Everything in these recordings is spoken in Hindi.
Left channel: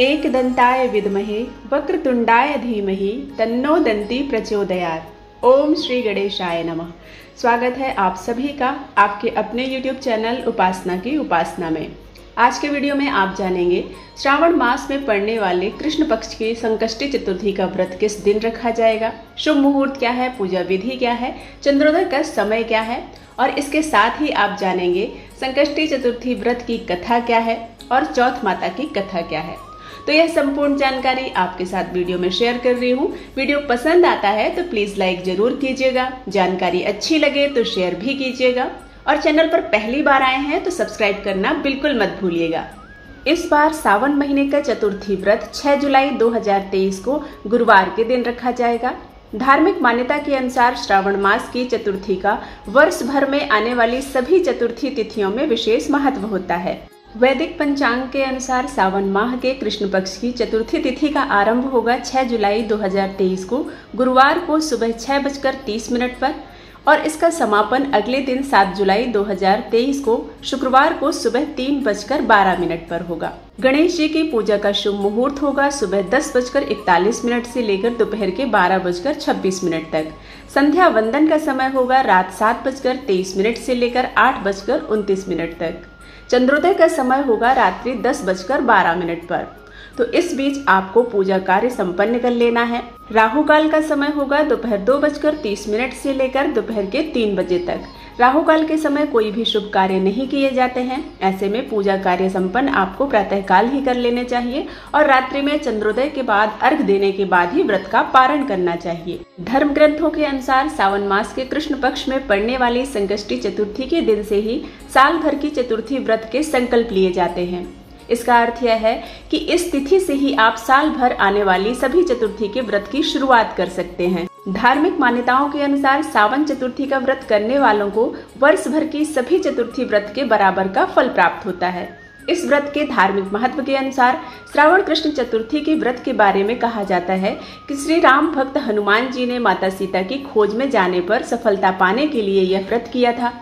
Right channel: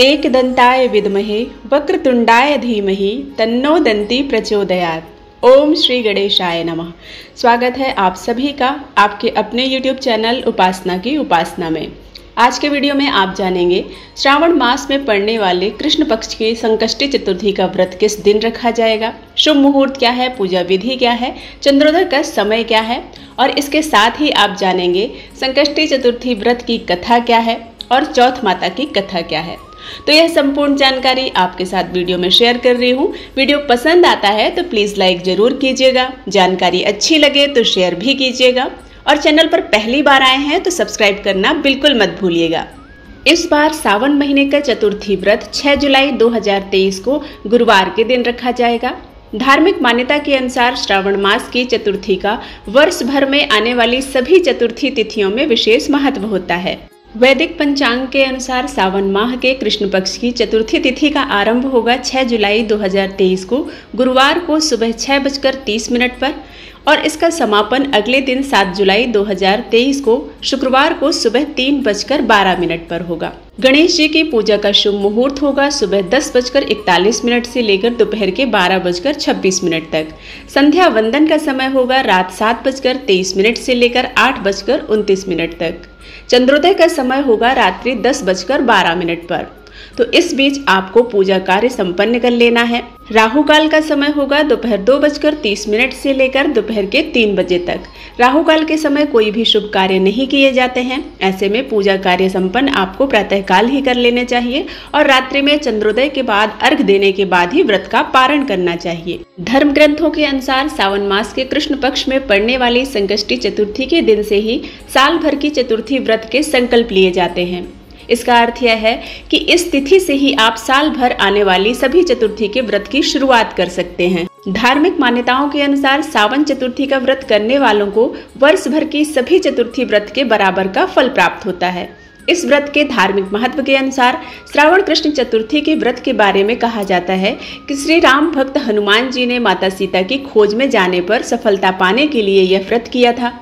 एकदन्ताय विद्महे वक्रतुंडाय धीमहि तन्नो दन्ती प्रचोदयात्। ओम श्री गणेशाय नमः। स्वागत है आप सभी का आपके अपने YouTube चैनल उपासना की उपासना में। आज के वीडियो में आप जानेंगे श्रावण मास में पड़ने वाले कृष्ण पक्ष की संकष्टी चतुर्थी का व्रत किस दिन रखा जाएगा, शुभ मुहूर्त क्या है, पूजा विधि क्या है, चंद्रोदय का समय क्या है और इसके साथ ही आप जानेंगे संकष्टी चतुर्थी व्रत की कथा क्या है और चौथ माता की कथा क्या है। तो यह संपूर्ण जानकारी आपके साथ वीडियो में शेयर कर रही हूँ। वीडियो पसंद आता है तो प्लीज लाइक जरूर कीजिएगा, जानकारी अच्छी लगे तो शेयर भी कीजिएगा और चैनल पर पहली बार आए हैं तो सब्सक्राइब करना बिल्कुल मत भूलिएगा। इस बार सावन महीने का चतुर्थी व्रत 6 जुलाई 2023 को गुरुवार के दिन रखा जाएगा। धार्मिक मान्यता के अनुसार श्रावण मास की चतुर्थी का वर्ष भर में आने वाली सभी चतुर्थी तिथियों में विशेष महत्व होता है। वैदिक पंचांग के अनुसार सावन माह के कृष्ण पक्ष की चतुर्थी तिथि का आरंभ होगा 6 जुलाई 2023 को गुरुवार को सुबह 6:30 पर और इसका समापन अगले दिन 7 जुलाई 2023 को शुक्रवार को सुबह 3:12 पर होगा। गणेश जी की पूजा का शुभ मुहूर्त होगा सुबह 10:41 से लेकर दोपहर के 12:26 तक। संध्या वंदन का समय होगा रात 7:23 से लेकर 8:29 तक। चंद्रोदय का समय होगा रात्रि 10:12 पर। तो इस बीच आपको पूजा कार्य संपन्न कर लेना है। राहु काल का समय होगा दोपहर 2:30 से लेकर दोपहर के 3 बजे तक। राहु काल के समय कोई भी शुभ कार्य नहीं किए जाते हैं। ऐसे में पूजा कार्य संपन्न आपको प्रातःकाल ही कर लेने चाहिए और रात्रि में चंद्रोदय के बाद अर्घ देने के बाद ही व्रत का पारण करना चाहिए। धर्म ग्रंथों के अनुसार सावन मास के कृष्ण पक्ष में पड़ने वाली संकष्टी चतुर्थी के दिन से ही साल भर की चतुर्थी व्रत के संकल्प लिए जाते हैं। इसका अर्थ यह है कि इस तिथि से ही आप साल भर आने वाली सभी चतुर्थी के व्रत की शुरुआत कर सकते हैं। धार्मिक मान्यताओं के अनुसार सावन चतुर्थी का व्रत करने वालों को वर्ष भर की सभी चतुर्थी व्रत के बराबर का फल प्राप्त होता है। इस व्रत के धार्मिक महत्व के अनुसार श्रावण कृष्ण चतुर्थी के व्रत के बारे में कहा जाता है कि श्री राम भक्त हनुमान जी ने माता सीता की खोज में जाने पर सफलता पाने के लिए यह व्रत किया था।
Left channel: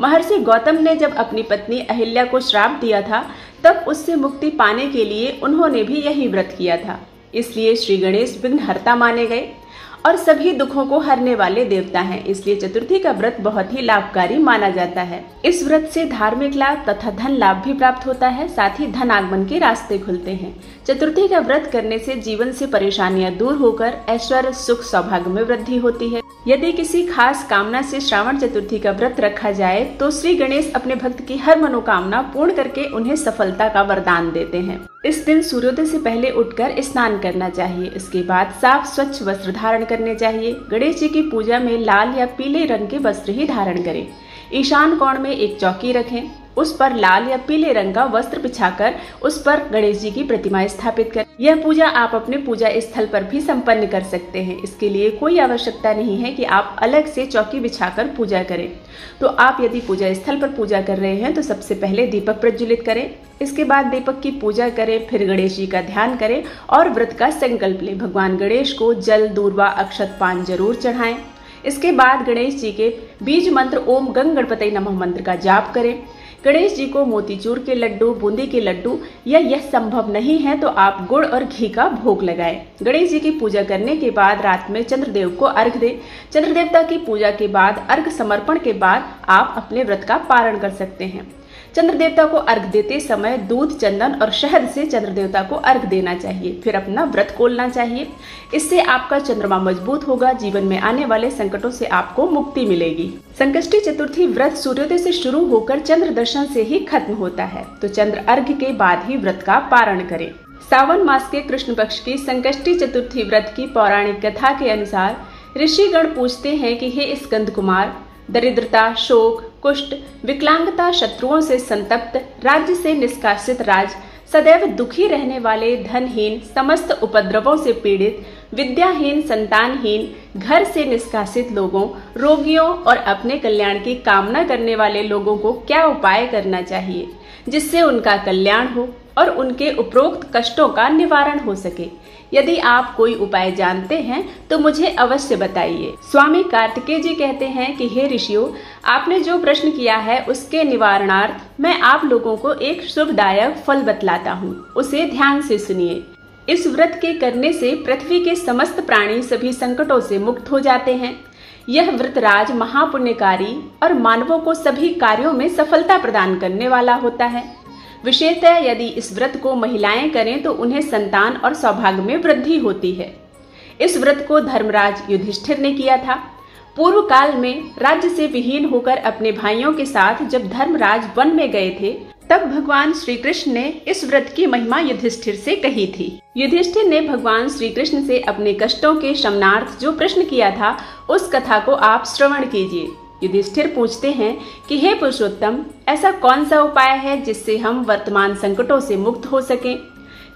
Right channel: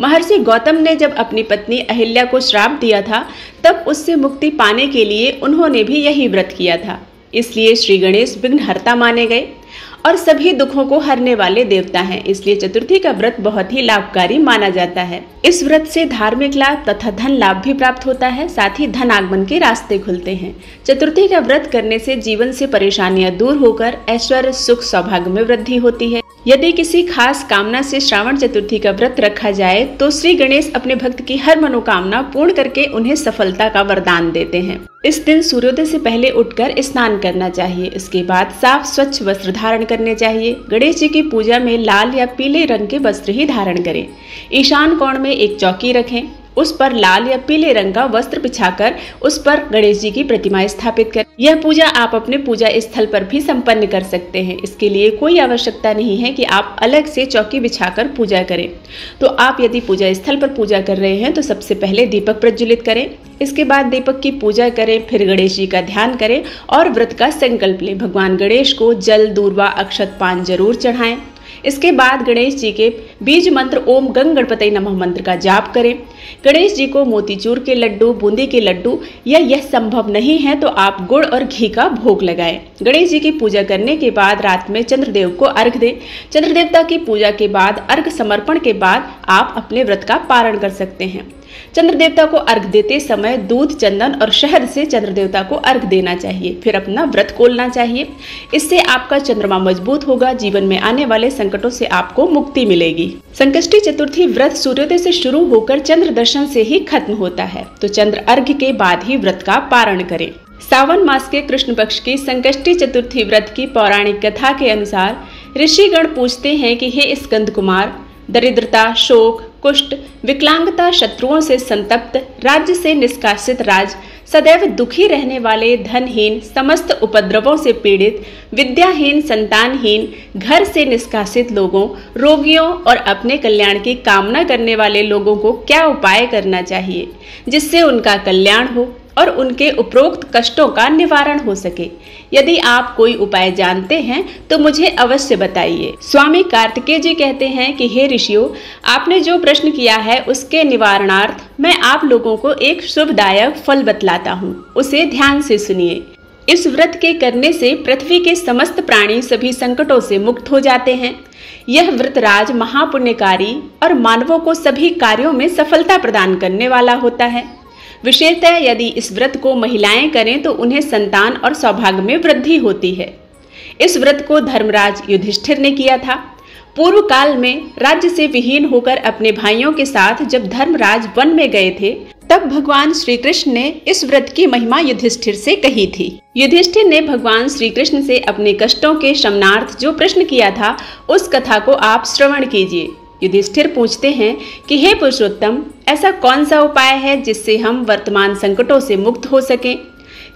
महर्षि गौतम ने जब अपनी पत्नी अहिल्या को श्राप दिया था तब उससे मुक्ति पाने के लिए उन्होंने भी यही व्रत किया था। इसलिए श्री गणेश विघ्नहर्ता माने गए और सभी दुखों को हरने वाले देवता हैं। इसलिए चतुर्थी का व्रत बहुत ही लाभकारी माना जाता है। इस व्रत से धार्मिक लाभ तथा धन लाभ भी प्राप्त होता है, साथ ही धन आगमन के रास्ते खुलते हैं। चतुर्थी का व्रत करने से जीवन से परेशानियां दूर होकर ऐश्वर्य सुख सौभाग्य में वृद्धि होती है। यदि किसी खास कामना से श्रावण चतुर्थी का व्रत रखा जाए तो श्री गणेश अपने भक्त की हर मनोकामना पूर्ण करके उन्हें सफलता का वरदान देते हैं। इस दिन सूर्योदय से पहले उठकर स्नान करना चाहिए। इसके बाद साफ स्वच्छ वस्त्र धारण करने चाहिए। गणेश जी की पूजा में लाल या पीले रंग के वस्त्र ही धारण करें। ईशान कोण में एक चौकी रखें, उस पर लाल या पीले रंग का वस्त्र बिछाकर उस पर गणेश जी की प्रतिमा स्थापित करें। यह पूजा आप अपने पूजा स्थल पर भी संपन्न कर सकते हैं। इसके लिए कोई आवश्यकता नहीं है कि आप अलग से चौकी बिछाकर पूजा करें। तो आप यदि पूजा स्थल पर पूजा कर रहे हैं तो सबसे पहले दीपक प्रज्वलित करें। इसके बाद दीपक की पूजा करें, फिर गणेश जी का ध्यान करें और व्रत का संकल्प लें। भगवान गणेश को जल, दूर्वा, अक्षत, पान जरूर चढ़ाएं। इसके बाद गणेश जी के बीज मंत्र ओम गंग गणपतये नमः मंत्र का जाप करें। गणेश जी को मोतीचूर के लड्डू, बूंदी के लड्डू या यह संभव नहीं है तो आप गुड़ और घी का भोग लगाएं। गणेश जी की पूजा करने के बाद रात में चंद्रदेव को अर्घ दें। चंद्र देवता की पूजा के बाद अर्घ समर्पण के बाद आप अपने व्रत का पारण कर सकते हैं। चंद्र देवता को अर्घ देते समय दूध, चंदन और शहद से चंद्र देवता को अर्घ देना चाहिए, फिर अपना व्रत खोलना चाहिए। इससे आपका चंद्रमा मजबूत होगा, जीवन में आने वाले संकटों से आपको मुक्ति मिलेगी। संकष्टी चतुर्थी व्रत सूर्योदय से शुरू होकर चंद्र दर्शन से ही खत्म होता है, तो चंद्र अर्घ के बाद ही व्रत का पारण करें। सावन मास के कृष्ण पक्ष की संकष्टी चतुर्थी व्रत की पौराणिक कथा के अनुसार ऋषिगण पूछते हैं कि हे स्कंद कुमार, दरिद्रता, शोक, कुष्ठ, विकलांगता, शत्रुओं से संतप्त, राज्य से निष्कासित राज, सदैव दुखी रहने वाले, धनहीन, समस्त उपद्रवों से पीड़ित, विद्याहीन, संतानहीन, घर से निष्कासित लोगों, रोगियों और अपने कल्याण की कामना करने वाले लोगों को क्या उपाय करना चाहिए जिससे उनका कल्याण हो। और उनके उपरोक्त कष्टों का निवारण हो सके। यदि आप कोई उपाय जानते हैं तो मुझे अवश्य बताइए। स्वामी कार्तिकेय जी कहते हैं कि हे ऋषियों, आपने जो प्रश्न किया है उसके निवारणार्थ मैं आप लोगों को एक शुभदायक फल बतलाता हूँ, उसे ध्यान से सुनिए। इस व्रत के करने से पृथ्वी के समस्त प्राणी सभी संकटों से मुक्त हो जाते हैं। यह व्रतराज महापुण्यकारी और मानवों को सभी कार्यों में सफलता प्रदान करने वाला होता है। विशेषतः यदि इस व्रत को महिलाएं करें तो उन्हें संतान और सौभाग्य में वृद्धि होती है। इस व्रत को धर्मराज युधिष्ठिर ने किया था। पूर्व काल में राज्य से विहीन होकर अपने भाइयों के साथ जब धर्मराज वन में गए थे, तब भगवान श्री कृष्ण ने इस व्रत की महिमा युधिष्ठिर से कही थी। युधिष्ठिर ने भगवान श्री कृष्ण से अपने कष्टों के शमनार्थ जो प्रश्न किया था, उस कथा को आप श्रवण कीजिए। युधिष्ठिर पूछते हैं कि हे पुरुषोत्तम, ऐसा कौन सा उपाय है जिससे हम वर्तमान संकटों से मुक्त हो सकें?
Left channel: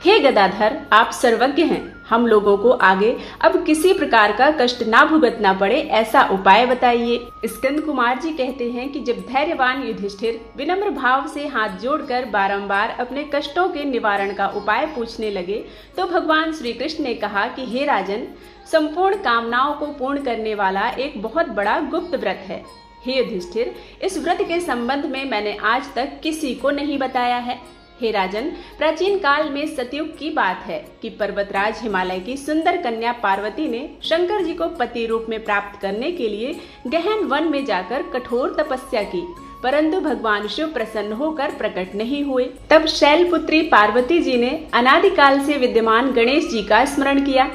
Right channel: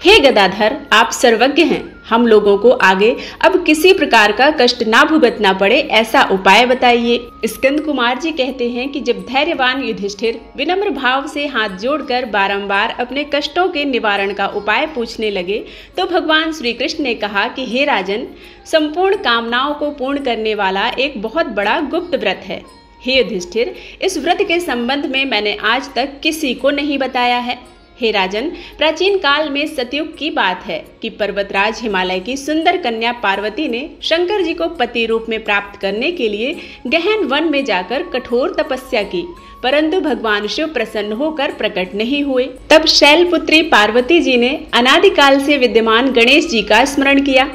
हे गदाधर, आप सर्वज्ञ हैं, हम लोगों को आगे अब किसी प्रकार का कष्ट ना भुगतना पड़े, ऐसा उपाय बताइए। स्कंद कुमार जी कहते हैं कि जब धैर्यवान युधिष्ठिर विनम्र भाव से हाथ जोड़कर बारंबार अपने कष्टों के निवारण का उपाय पूछने लगे, तो भगवान श्री कृष्ण ने कहा कि हे राजन, संपूर्ण कामनाओं को पूर्ण करने वाला एक बहुत बड़ा गुप्त व्रत है। हे युधिष्ठिर, इस व्रत के संबंध में मैंने आज तक किसी को नहीं बताया है। हे राजन, प्राचीन काल में सतयुग की बात है कि पर्वतराज हिमालय की सुंदर कन्या पार्वती ने शंकर जी को पति रूप में प्राप्त करने के लिए गहन वन में जाकर कठोर तपस्या की, परंतु भगवान शिव प्रसन्न होकर प्रकट नहीं हुए। तब शैलपुत्री पार्वती जी ने अनादिकाल से विद्यमान गणेश जी का स्मरण किया।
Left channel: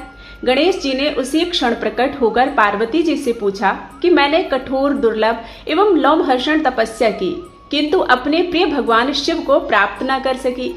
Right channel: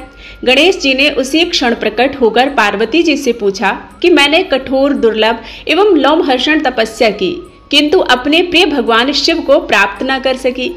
गणेश जी ने उसी क्षण प्रकट होकर पार्वती जी से पूछा कि मैंने कठोर, दुर्लभ एवं लोमहर्षण तपस्या की, किंतु अपने प्रिय भगवान शिव को प्राप्त न कर सकी।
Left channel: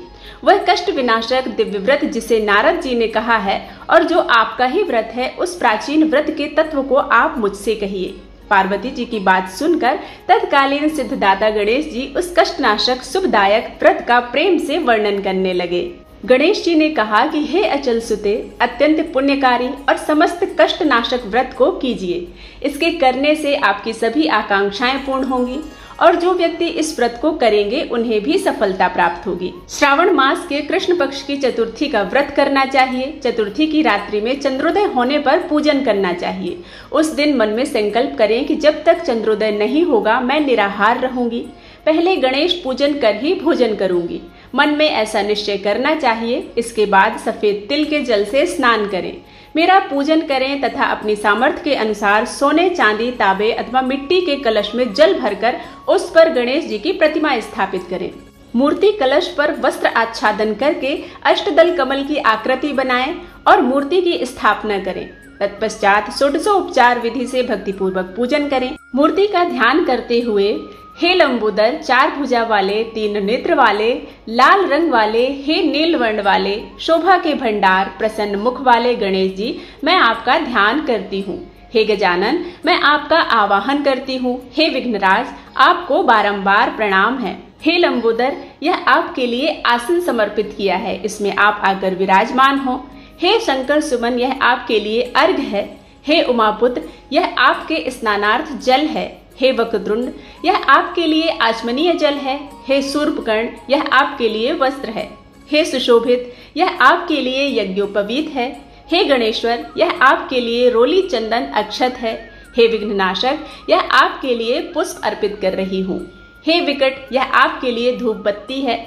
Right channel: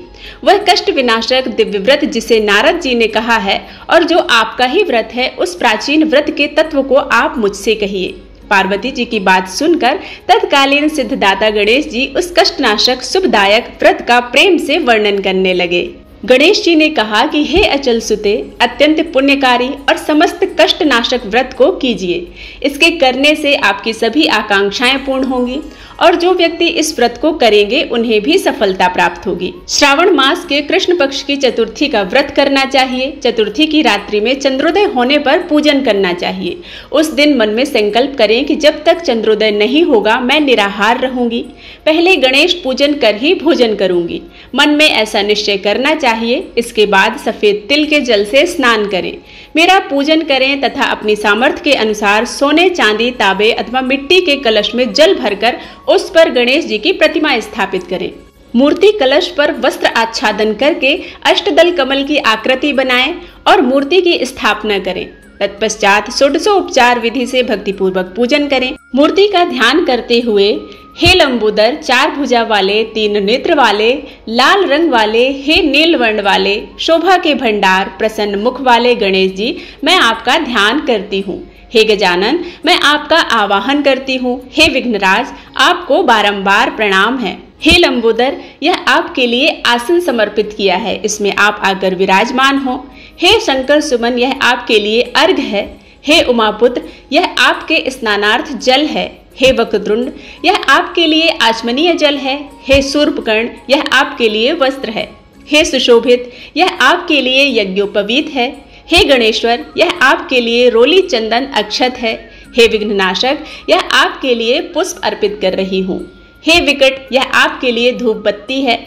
वह कष्ट विनाशक दिव्य व्रत जिसे नारद जी ने कहा है और जो आपका ही व्रत है, उस प्राचीन व्रत के तत्व को आप मुझसे कहिए। पार्वती जी की बात सुनकर तत्कालीन सिद्धदाता गणेश जी उस कष्टनाशक शुभदायक व्रत का प्रेम से वर्णन करने लगे। गणेश जी ने कहा कि हे अचल सुते, अत्यंत पुण्यकारी और समस्त कष्टनाशक व्रत को कीजिए। इसके करने से आपकी सभी आकांक्षाएं पूर्ण होंगी और जो व्यक्ति इस व्रत को करेंगे उन्हें भी सफलता प्राप्त होगी। श्रावण मास के कृष्ण पक्ष की चतुर्थी का व्रत करना चाहिए। चतुर्थी की रात्रि में चंद्रोदय होने पर पूजन करना चाहिए। उस दिन मन में संकल्प करें कि जब तक चंद्रोदय नहीं होगा मैं निराहार रहूंगी, पहले गणेश पूजन कर ही भोजन करूंगी। मन में ऐसा निश्चय करना चाहिए। इसके बाद सफेद तिल के जल से स्नान करें, मेरा पूजन करें तथा अपनी सामर्थ्य के अनुसार सोने, चांदी, तांबे अथवा मिट्टी के कलश में जल भरकर उस पर गणेश जी की प्रतिमा स्थापित करें। मूर्ति कलश पर वस्त्र आच्छादन करके अष्टदल कमल की आकृति बनाएं और मूर्ति की स्थापना करें। तत्पश्चात षोडशोपचार विधि से भक्तिपूर्वक पूजन करें। मूर्ति का ध्यान करते हुए हे लंबोदर, 4 भुजा वाले, 3 नेत्र वाले, लाल रंग वाले, हे नील वर्ण वाले, शोभा के भंडार, प्रसन्न मुख वाले गणेश जी, मैं आपका ध्यान करती हूँ। हे गजानन, मैं आपका आवाहन करती हूँ। हे विघ्नराज, आपको बारंबार प्रणाम है। हे लंबोदर, यह आपके लिए आसन समर्पित किया है, इसमें आप आकर विराजमान हो। हे शंकर सुमन, यह आपके लिए अर्घ है। हे उमापुत्र, यह आपके स्नानार्थ जल है। हे वक्रतुंड, यह आपके लिए आचमनीय जल है। हे शूर्पकर्ण, यह आपके लिए वस्त्र है। हे सुशोभित, यह आपके लिए यज्ञोपवीत है। हे गणेश्वर, यह आपके लिए रोली चंदन अक्षत है। हे विघ्ननाशक, यह आपके लिए पुष्प अर्पित कर रही हूँ। हे विकट, यह आपके लिए धूप बत्ती है।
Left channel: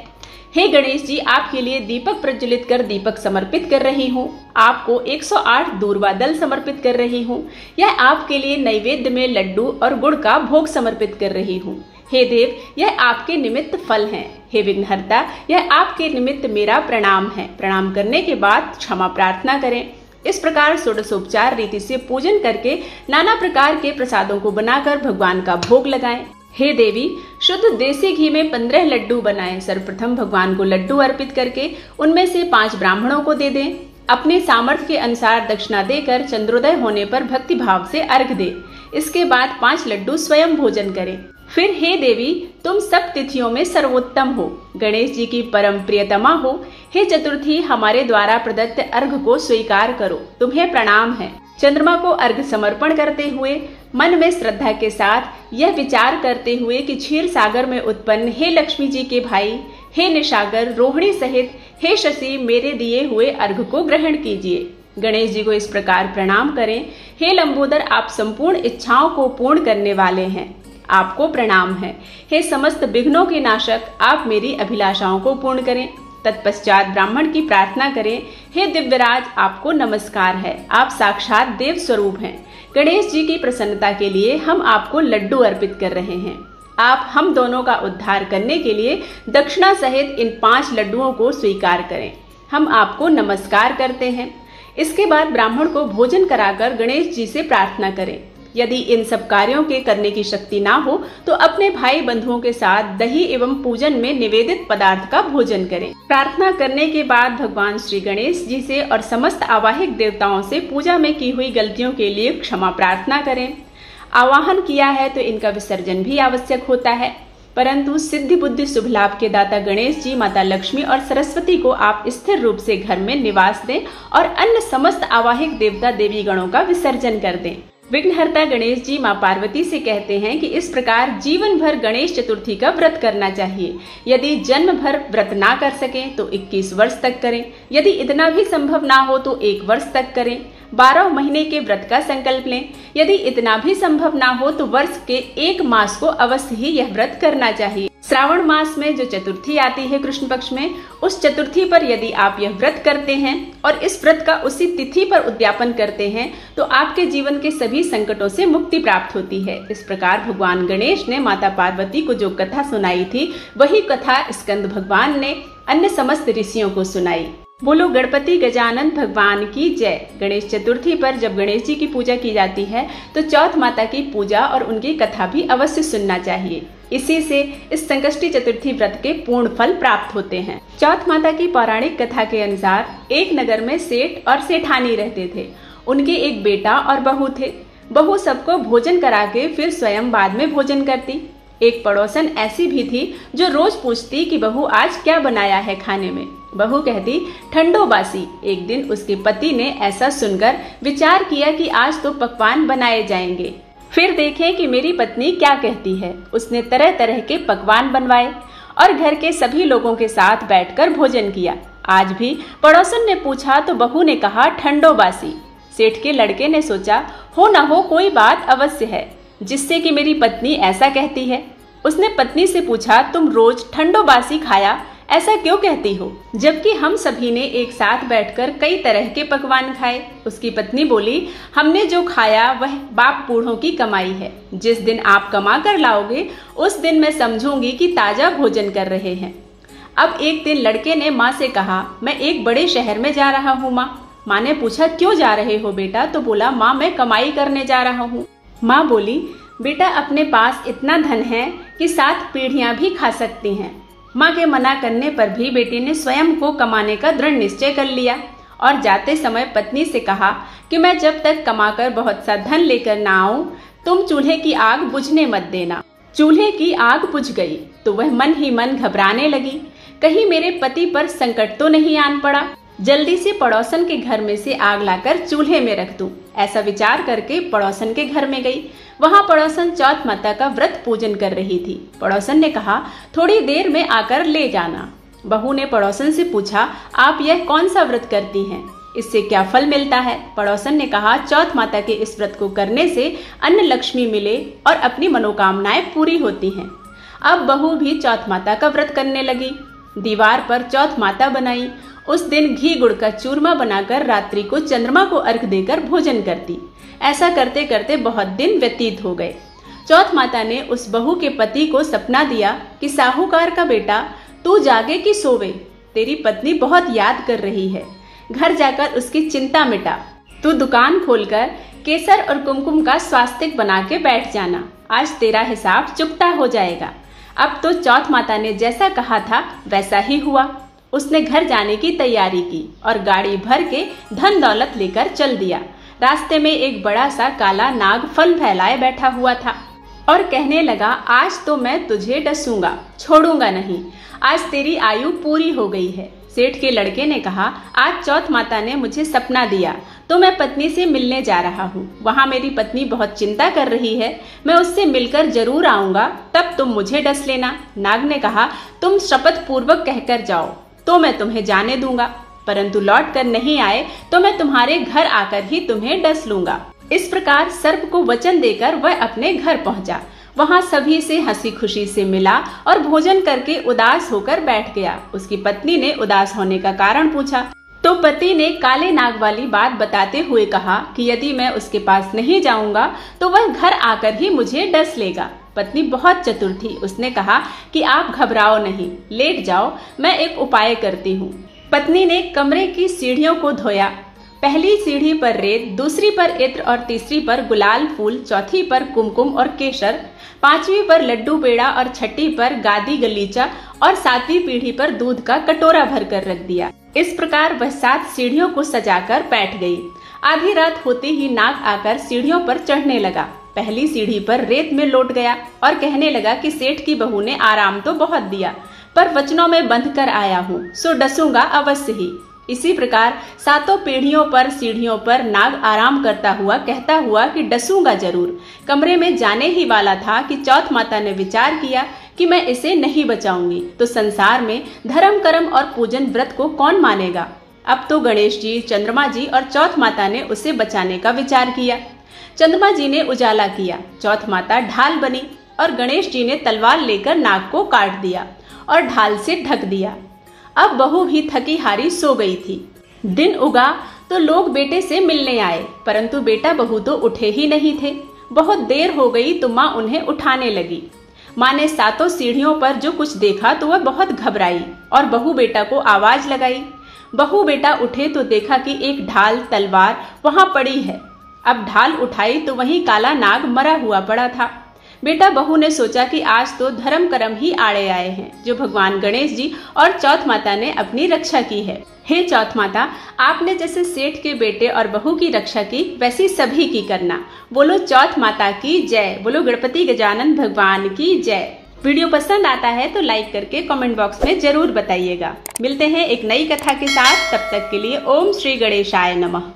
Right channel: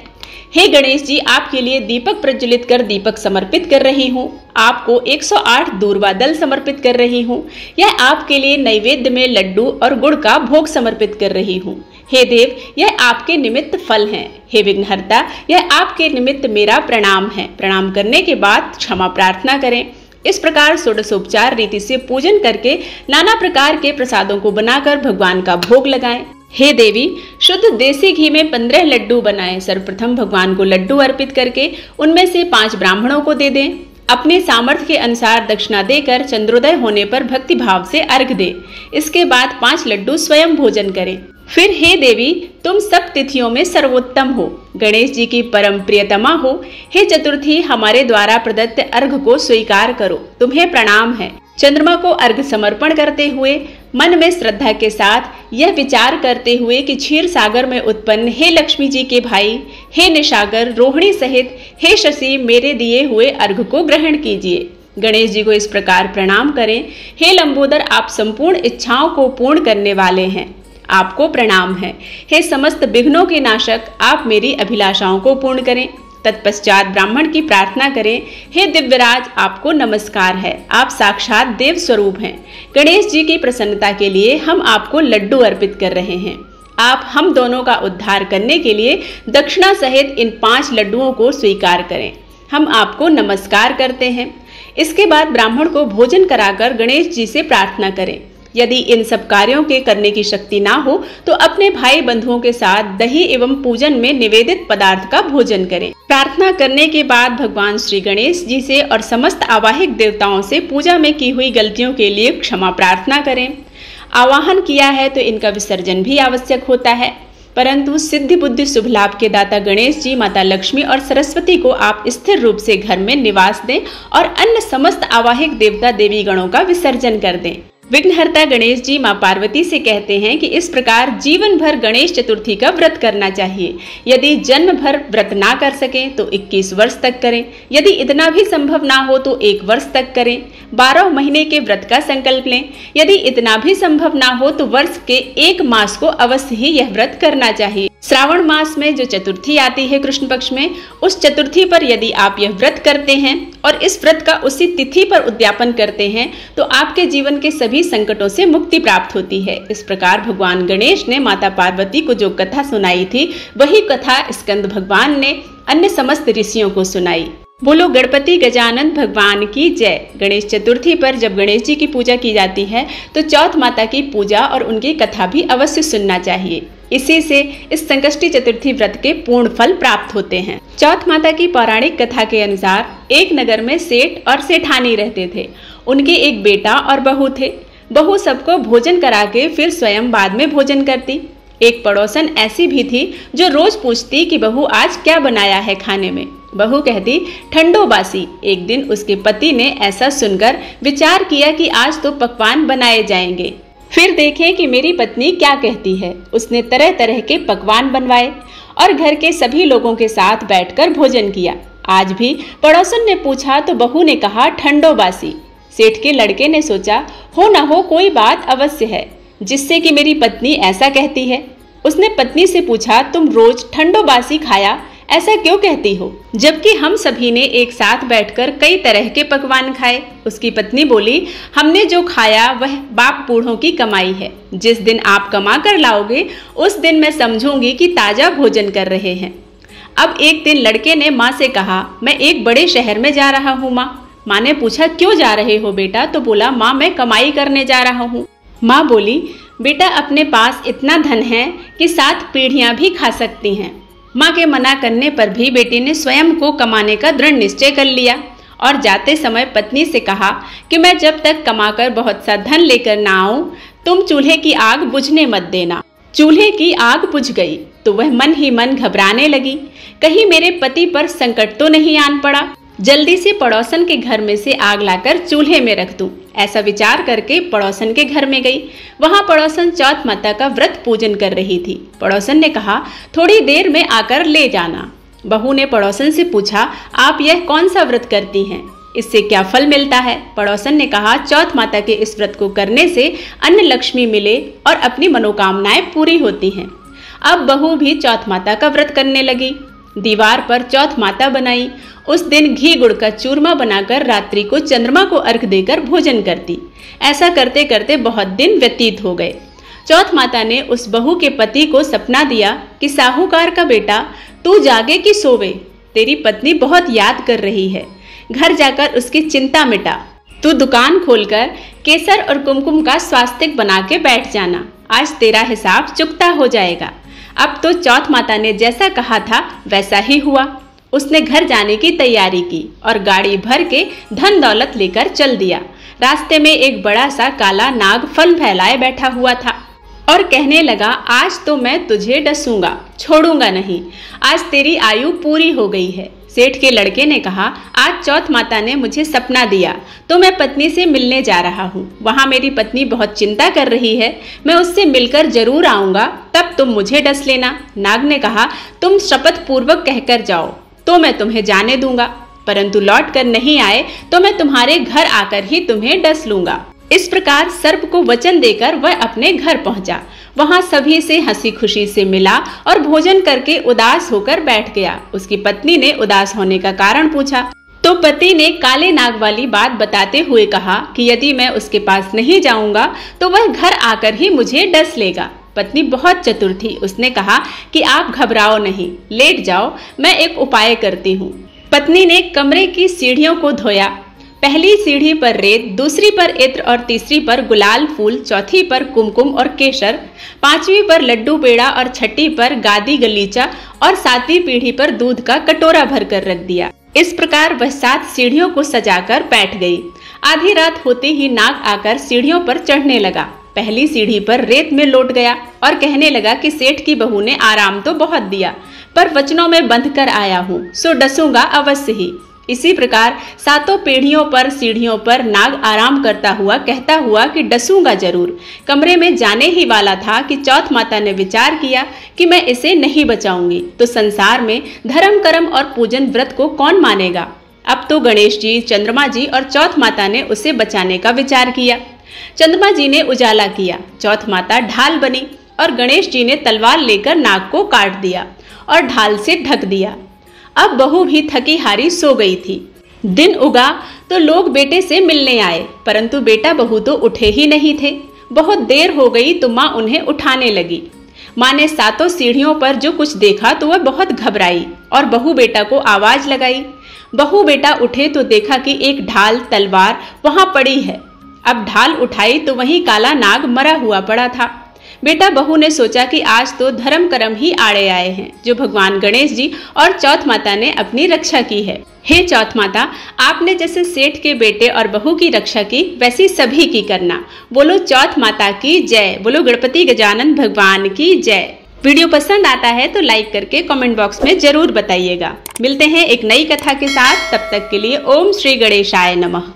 हे गणेश जी, आपके लिए दीपक प्रज्वलित कर दीपक समर्पित कर रही हूँ। आपको 108 दूर्वा दल समर्पित कर रही हूँ। यह आपके लिए नैवेद्य में लड्डू और गुड़ का भोग समर्पित कर रही हूँ। हे देव, यह आपके निमित्त फल हैं। हे विघ्नहर्ता, यह आपके निमित्त मेरा प्रणाम है। प्रणाम करने के बाद क्षमा प्रार्थना करें। इस प्रकार षोडशोपचार रीति से पूजन करके नाना प्रकार के प्रसादों को बनाकर भगवान का भोग लगाएं। हे देवी, शुद्ध देसी घी में 15 लड्डू बनाएं। सर्वप्रथम भगवान को लड्डू अर्पित करके उनमें से 5 ब्राह्मणों को दे दें। अपने सामर्थ्य के अनुसार दक्षिणा देकर चंद्रोदय होने पर भक्ति भाव से अर्घ दें। इसके बाद 5 लड्डू स्वयं भोजन करें। फिर हे देवी, तुम सब तिथियों में सर्वोत्तम हो, गणेश जी की परम प्रियतमा हो। हे चतुर्थी, हमारे द्वारा प्रदत्त अर्घ को स्वीकार करो, तुम्हें प्रणाम है। चंद्रमा को अर्घ्य समर्पण करते हुए मन में श्रद्धा के साथ यह विचार करते हुए कि क्षीर सागर में उत्पन्न हे लक्ष्मी जी के भाई, हे निशागर, रोहिणी सहित हे शशि, मेरे दिए हुए अर्घ्य को ग्रहण कीजिए। गणेश जी को इस प्रकार प्रणाम करें। हे लंबोदर, आप संपूर्ण इच्छाओं को पूर्ण करने वाले हैं, आपको प्रणाम है। हे समस्त विघ्नों के नाशक, आप मेरी अभिलाषाओं को पूर्ण करें। तत्पश्चात ब्राह्मण की प्रार्थना करें। हे दिव्यराज, आपको नमस्कार है, आप साक्षात देव स्वरूप हैं। गणेश जी की प्रसन्नता के लिए हम आपको लड्डू अर्पित कर रहे हैं। आप हम दोनों का उद्धार करने के लिए दक्षिणा सहित इन 5 लड्डुओं को स्वीकार करें। हम आपको नमस्कार करते हैं। इसके बाद ब्राह्मण को भोजन कराकर गणेश जी से प्रार्थना करें। यदि इन सब कार्यों के करने की शक्ति ना हो तो अपने भाई बंधुओं के साथ दही एवं पूजन में निवेदित पदार्थ का भोजन करें। प्रार्थना करने के बाद भगवान श्री गणेश जी से और समस्त आवाहिक देवताओं से पूजा में की हुई गलतियों के लिए क्षमा प्रार्थना करें। आवाहन किया है तो इनका विसर्जन भी आवश्यक होता है, परंतु सिद्धि बुद्धि शुभ लाभ के दाता गणेश जी, माता लक्ष्मी और सरस्वती को आप स्थिर रूप से घर में निवास दें और अन्य समस्त आवाहिक देवता देवी गणों का विसर्जन कर दें। विघ्नहर्ता गणेश जी मां पार्वती से कहते हैं कि इस प्रकार जीवन भर गणेश चतुर्थी का व्रत करना चाहिए। यदि जन्म भर व्रत ना कर सकें तो 21 वर्ष तक करें। यदि इतना भी संभव ना हो तो 1 वर्ष तक करें। 12 महीने के व्रत का संकल्प लें। यदि इतना भी संभव ना हो तो वर्ष के 1 मास को अवश्य ही यह व्रत करना चाहिए। श्रावण मास में जो चतुर्थी आती है कृष्ण पक्ष में, उस चतुर्थी पर यदि आप यह व्रत करते हैं और इस व्रत का उसी तिथि पर उद्यापन करते हैं तो आपके जीवन के सभी संकटों से मुक्ति प्राप्त होती है। इस प्रकार भगवान गणेश ने माता पार्वती को जो कथा सुनाई थी, वही कथा स्कंद भगवान ने अन्य समस्त ऋषियों को सुनाई। बोलो गणपति गजानन भगवान की जय। गणेश चतुर्थी पर जब गणेश जी की पूजा की जाती है तो चौथ माता की पूजा और उनकी कथा भी अवश्य सुनना चाहिए। इसी से इस संकष्टी चतुर्थी व्रत के पूर्ण फल प्राप्त होते हैं। चौथ माता की पौराणिक कथा के अनुसार एक नगर में सेठ और सेठानी रहते थे। उनके एक बेटा और बहू थे। बहू सबको भोजन करा के फिर स्वयं बाद में भोजन करती। एक पड़ोसन ऐसी भी थी जो रोज पूछती कि बहू आज क्या बनाया है खाने में। बहू कहती ठंडो बासी। एक दिन उसके पति ने ऐसा सुनकर विचार किया कि आज तो पकवान बनाए जाएंगे, फिर देखें कि मेरी पत्नी क्या कहती है। उसने तरह तरह के पकवान बनवाए और घर के सभी लोगों के साथ बैठकर भोजन किया। आज भी पड़ोसन ने पूछा तो बहू ने कहा ठंडो बासी। सेठ के लड़के ने सोचा हो ना हो कोई बात अवश्य है जिससे कि मेरी पत्नी ऐसा कहती है। उसने पत्नी से पूछा तुम रोज ठंडो बासी खाया ऐसा क्यों कहती हो, जबकि हम सभी ने एक साथ बैठकर कई तरह के पकवान खाए। उसकी पत्नी बोली हमने जो खाया वह बाप बूढ़ों की कमाई है। जिस दिन आप कमा कर लाओगे उस दिन मैं समझूंगी कि ताजा भोजन कर रहे हैं। अब एक दिन लड़के ने माँ से कहा मैं एक बड़े शहर में जा रहा हूँ माँ। माँ ने पूछा क्यों जा रहे हो बेटा, तो बोला माँ मैं कमाई करने जा रहा हूँ। माँ बोली बेटा अपने पास इतना धन है कि 7 पीढ़ियां भी खा सकती हैं। माँ के मना करने पर भी बेटे ने स्वयं को कमाने का दृढ़ निश्चय कर लिया और जाते समय पत्नी से कहा कि मैं जब तक कमाकर बहुत सा धन लेकर ना आऊं तुम चूल्हे की आग बुझने मत देना। चूल्हे की आग बुझ गई तो वह मन ही मन घबराने लगी, कहीं मेरे पति पर संकट तो नहीं आन पड़ा। जल्दी से पड़ोसन के घर में से आग लाकर चूल्हे में रख दूं। ऐसा विचार करके पड़ोसन के घर में गई। वहां पड़ोसन चौथ माता का व्रत पूजन कर रही थी। पड़ोसन ने कहा थोड़ी देर में आकर ले जाना। बहू ने पड़ोसन से पूछा आप यह कौन सा व्रत करती हैं, इससे क्या फल मिलता है। पड़ोसन ने कहा चौथ माता के इस व्रत को करने से अन्न लक्ष्मी मिले और अपनी मनोकामनाएं पूरी होती हैं। अब बहू भी चौथ माता का व्रत करने लगी। दीवार पर चौथ माता बनाई। उस दिन घी गुड़ का चूरमा बनाकर रात्रि को चंद्रमा को अर्घ देकर भोजन करती। ऐसा करते करते बहुत दिन व्यतीत हो गए। चौथ माता ने उस बहू के पति को सपना दिया कि साहूकार का बेटा तू जागे कि सोवे, तेरी पत्नी बहुत याद कर रही है, घर जाकर उसकी चिंता मिटा। तू दुकान खोलकर केसर और कुमकुम का स्वास्तिक बना के बैठ जाना, आज तेरा हिसाब चुकता हो जाएगा। अब तो चौथ माता ने जैसा कहा था वैसा ही हुआ। उसने घर जाने की तैयारी की और गाड़ी भर के धन दौलत लेकर चल दिया। रास्ते में एक बड़ा सा काला नाग फल फैलाए बैठा हुआ था और कहने लगा आज तो मैं तुझे डसूंगा, छोड़ूंगा नहीं। आज तेरी आयु पूरी हो गई है, सेठ के लड़के ने कहा, आज चौथ माता ने मुझे सपना दिया तो मैं पत्नी से मिलने जा रहा हूँ। वहाँ मेरी पत्नी बहुत चिंता कर रही है, मैं उससे मिलकर जरूर आऊँगा, तब तुम मुझे डस लेना। नाग ने कहा, तुम शपथ पूर्वक कहकर जाओ तो मैं तुम्हें जाने दूंगा, परंतु लौट कर नहीं आए तो मैं तुम्हारे घर आकर ही तुम्हें डस लूंगा। इस प्रकार सर्प को वचन देकर वह अपने घर पहुंचा। वहां सभी से हंसी खुशी से मिला और भोजन करके उदास होकर बैठ गया। उसकी पत्नी ने उदास होने का कारण पूछा तो पति ने काले नाग वाली बात बताते हुए कहा कि यदि मैं उसके पास नहीं जाऊंगा तो वह घर आकर ही मुझे डस लेगा। पत्नी बहुत चतुर थी, उसने कहा कि आप घबराओ नहीं, लेट जाओ, मैं एक उपाय करती हूँ। पत्नी ने कमरे की सीढ़ियों को धोया। पहली सीढ़ी पर रेत, दूसरी पर इत्र और तीसरी पर गुलाल फूल, चौथी पर कुमकुम और केसर, पांचवी पर लड्डू पेड़ा और छठी पर गादी गलीचा और सातवीं पीढ़ी पर दूध का कटोरा भरकर रख दिया। इस प्रकार वह 7 सीढ़ियों को सजाकर बैठ गई। आधी रात होते ही नाग आकर सीढ़ियों पर चढ़ने लगा। पहली सीढ़ी पर रेत में लौट गया और कहने लगा कि सेठ की बहू ने आराम तो बहुत दिया, पर वचनों में बंध कर आया हूँ, सो डसूंगा अवश्य ही। इसी प्रकार 7 पीढ़ियों पर सीढ़ियों पर नाग आराम करता हुआ कहता हुआ कि डसूंगा जरूर। कमरे में जाने ही वाला था कि चौथ माता ने विचार किया कि मैं इसे नहीं बचाऊंगी तो संसार में धर्म कर्म और पूजन व्रत को कौन मानेगा। अब तो गणेश जी, चंद्रमा जी और चौथ माता ने उसे बचाने का विचार किया। चंद्रमा जी ने उजाला किया, चौथ माता ढाल बनी और गणेश जी ने तलवार लेकर नाग को काट दिया और ढाल से ढक दिया। अब बहू भी थकी हारी सो गई थी। दिन उगा तो लोग बेटे से मिलने आए, परंतु बेटा बहू तो उठे ही नहीं थे। बहुत देर हो गई तो माँ उन्हें उठाने लगी। माँ ने 7 सीढ़ियों पर जो कुछ देखा तो वह बहुत घबराई और बहू बेटा को आवाज लगाई। बहू बेटा उठे तो देखा कि एक ढाल तलवार वहां पड़ी है। अब ढाल उठाई तो वहीं काला नाग मरा हुआ पड़ा था। बेटा बहू ने सोचा कि आज तो धर्म कर्म ही आड़े आए हैं, जो भगवान गणेश जी और चौथ माता ने अपनी रक्षा की है। हे चौथ माता, आपने जैसे सेठ के बेटे और बहू की रक्षा की वैसी सभी की करना। बोलो चौथ माता की जय, बोलो गणपति गजानन भगवान की जय। वीडियो पसंद आता है तो लाइक करके कमेंट बॉक्स में जरूर बताइएगा। मिलते हैं एक नई कथा के साथ, तब तक के लिए ओम श्री गणेशाय नमः।